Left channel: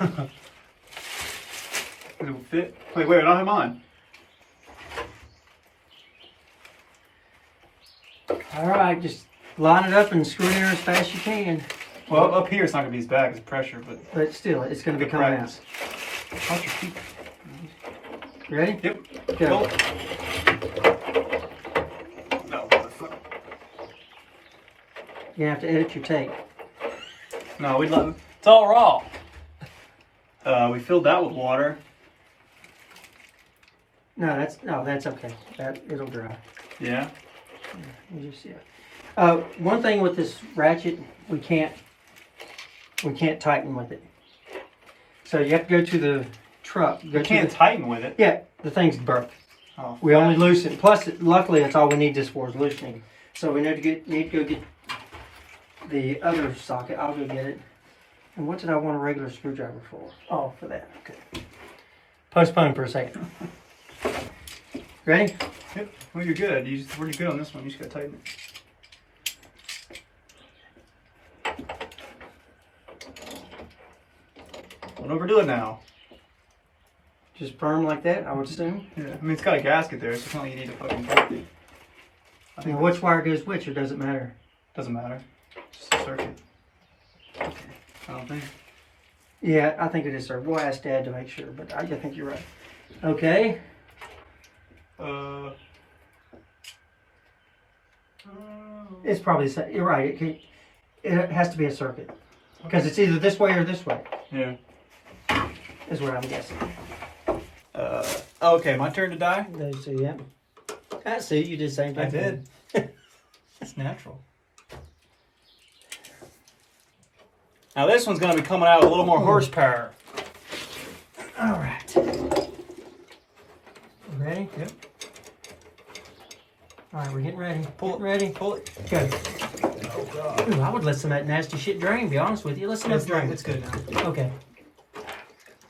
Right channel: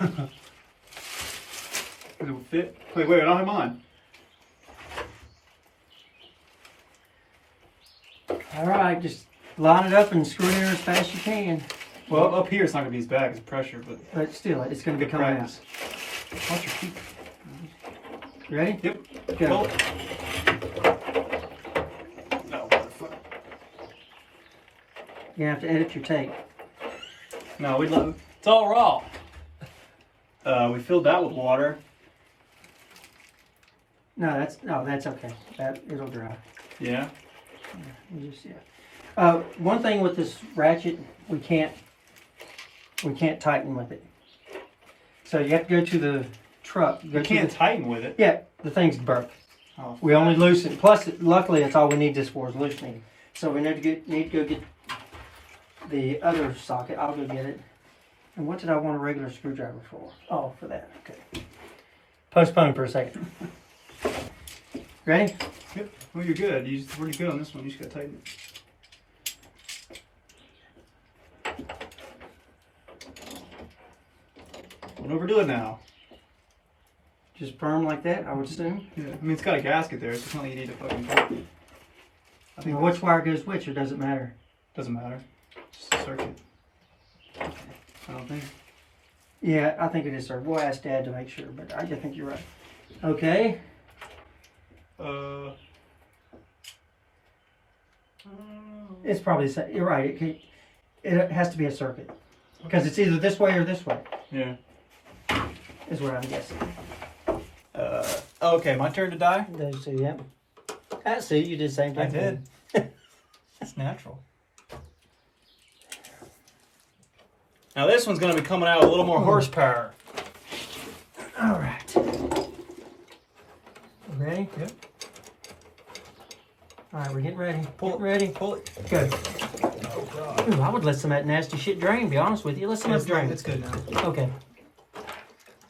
It will fit. Wait, I don't have mine. All right, just line it up and screw it in as fast as you can. Well, up here it's not gonna be as bad because pressure, but still, it's gonna be coming out. Watch your feet. Ready? Yep. Go. No, motherfucker. You have to edit your tape. No, it's all raw. We filled that with water. No, that's okay. It'll dry. Yeah. You just one thing with this ratchet, we can't tighten with it. So you have to go to the truck. You can't tighten with it. Yeah, the thing's broke. Oh, we only loosen. Plus, luckily, that's all we need this for is loosening. So we need to go get the other socket. I'll go get it. And what did I want a regular screwdriver for? Oh, for that. Okay. Postpone for a second. Ready? Yep. Well, you're good. You're pretty good on this one. You just gotta tighten it. Don't overdo it now. Just firm like that, I would assume. Yeah. I mean, it's got a gasket there. It's not like you need to fucking tighten it. I think which wire goes which, or does it matter? Doesn't matter. Just a circuit. Okay. I don't think. Yeah, I think it is, sir. We'll ask Dad to make sure, but I think you're right. Okay. It's probably, you're right. It has to be a circuit. Because it's either this way or this way. Yeah. Is what I'm guessing. Okay, my turn to die? So, yeah. I see, you did the same thing. I did. It's natural. Now this one's going to be coming out with a little more horsepower. All right. Ready? Yep. All right, we're getting ready. Pull it. Ready? Pull it. Go. Oh, God. Ooh, I would let some of that nasty shit drain, to be honest with you. Let some of it drain. It's good now. Okay.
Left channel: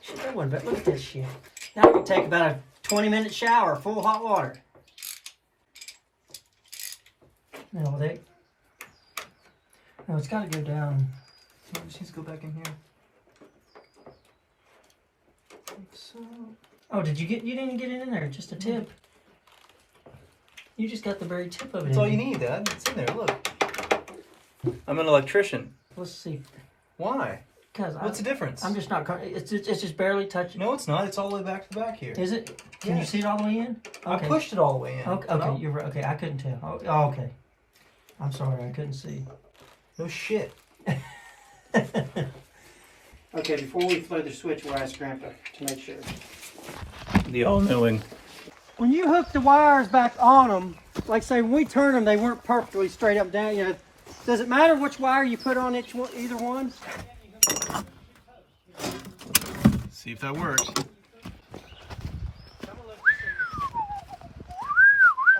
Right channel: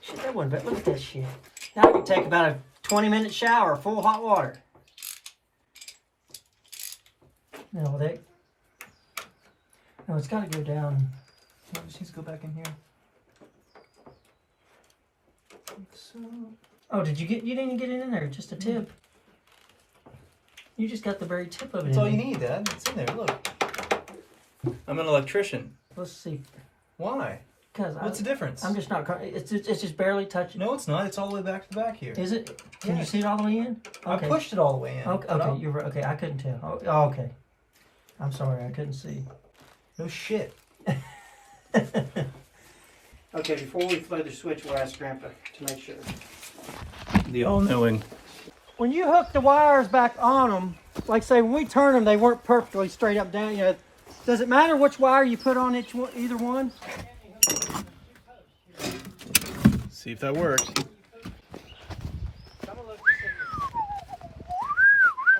Shit, that wasn't bad. Look at this shit. Now I can take about a 20-minute shower, full hot water. No, no, it's got to go down. So it just needs to go back in here. Like so. Oh, you didn't get it in there, just a tip. You just got the very tip of it. That's all you need, Dad. It's in there, look. I'm an electrician. Let's see. Why? What's the difference? I'm just not, it's just barely touching. No, it's not. It's all the way back to the back here. Is it? Can you see it all the way in? Okay. I pushed it all the way in. Okay, you're right. Okay, I couldn't tell. Oh, okay. I'm sorry, I couldn't see. No shit. Okay, before we throw the switch, we'll ask Grandpa to make sure. The all-knowing. When you hook the wires back on them, like say when we turn them, they weren't perfectly straight up down. You know, does it matter which wire you put on either one? See if that works. Oh,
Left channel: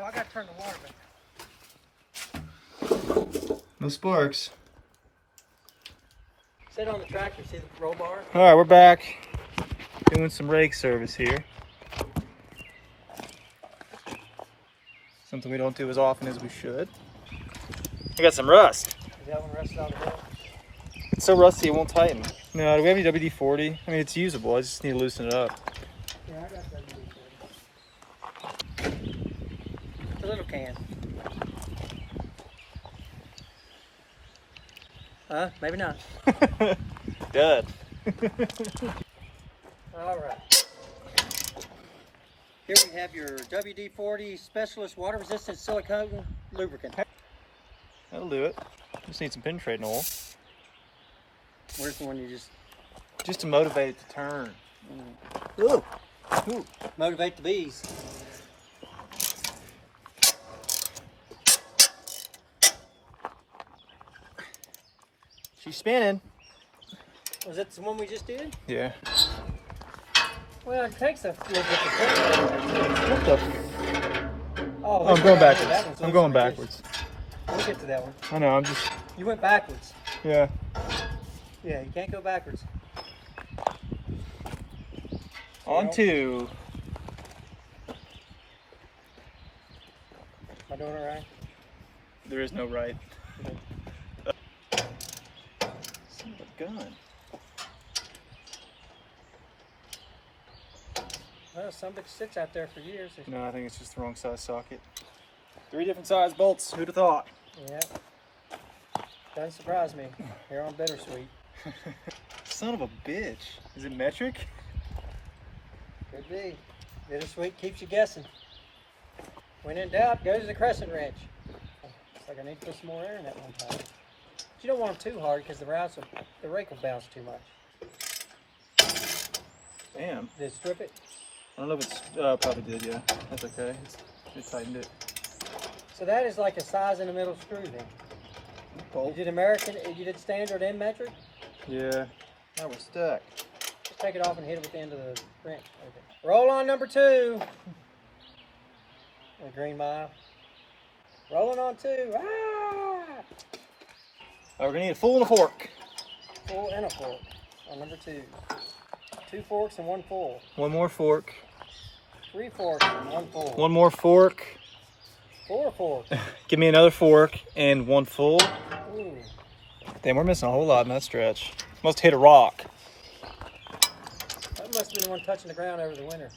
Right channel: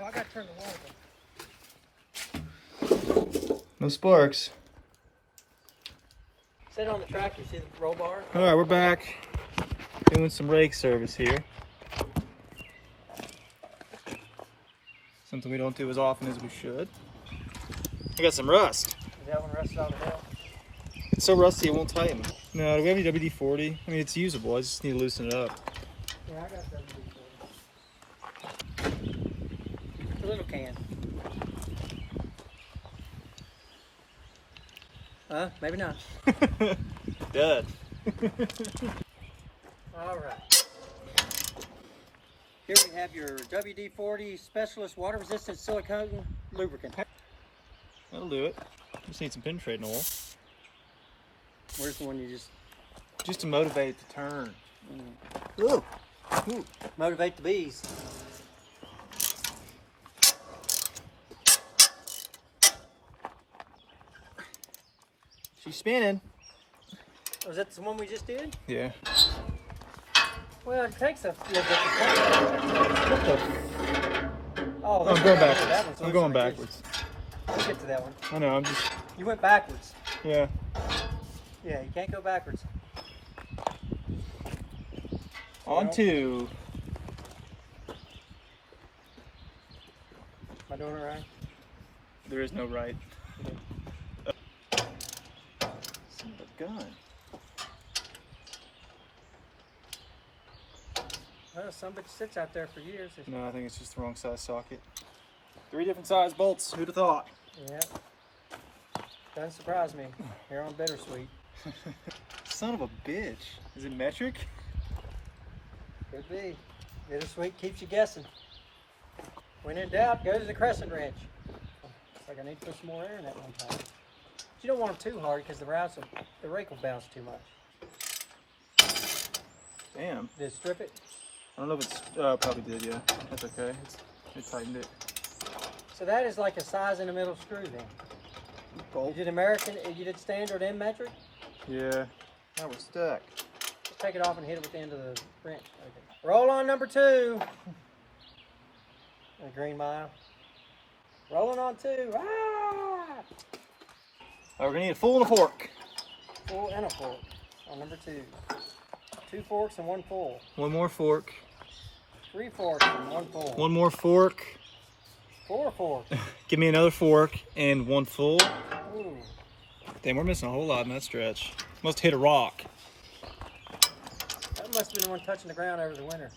I got to turn the water back. No sparks. Sit on the tractor, see the roll bar? All right, we're back. Doing some rake service here. Something we don't do as often as we should. We got some rust. Is that one rusted on the hill? It's so rusty it won't tighten. No, do we have any WD-40? I mean, it's usable. I just need to loosen it up. Yeah, I got WD-40. A little can. Maybe not. Dead. All right. Here we have your WD-40 Specialist Water Resistant Silicone Lubricant. That'll do it. Just need some penetrating oil. Where's the one you just... Just to motivate it to turn. Ooh. Ooh. Motivate the bees. She's spinning. Was that the one we just did? Yeah. Well, it takes a little bit to Oh, I'm going backwards. I'm going backwards. We'll get to that one. I know, I'm just... You went backwards. Yeah. Yeah, you can't go backwards. On to... Am I doing it right? There is no right. Son of a gun. Well, some bitch sits out there for years. No, I think it's just the wrong size socket. 3 different size bolts. Who'd have thought? Yeah. Doesn't surprise me. Here on Bittersweet. Son of a bitch. Is it metric? Could be. Bittersweet keeps you guessing. When in doubt, go to the crescent wrench. Looks like I need to put some more air in that one time. But you don't want them too hard because the rake will bounce too much. Damn. Did it strip it? I don't know if it's probably did, yeah. That's okay. It tightened it. So that is like a size in the middle screw then. Bolt. You did American, you did standard and metric? Yeah. Now we're stuck. Just take it off and hit it with the end of the wrench. Okay. Roll on number 2. The green mile. Rolling on 2. Ah! We're gonna need a full and a fork. Full and a fork on number 2. 2 forks and 1 full. 1 more fork. 3 forks and 1 full. 1 more fork. 4 forks. Give me another fork and 1 full. Ooh. Damn, we're missing a whole lot in that stretch. Must hit a rock. That must have been the one touching the ground over the winter.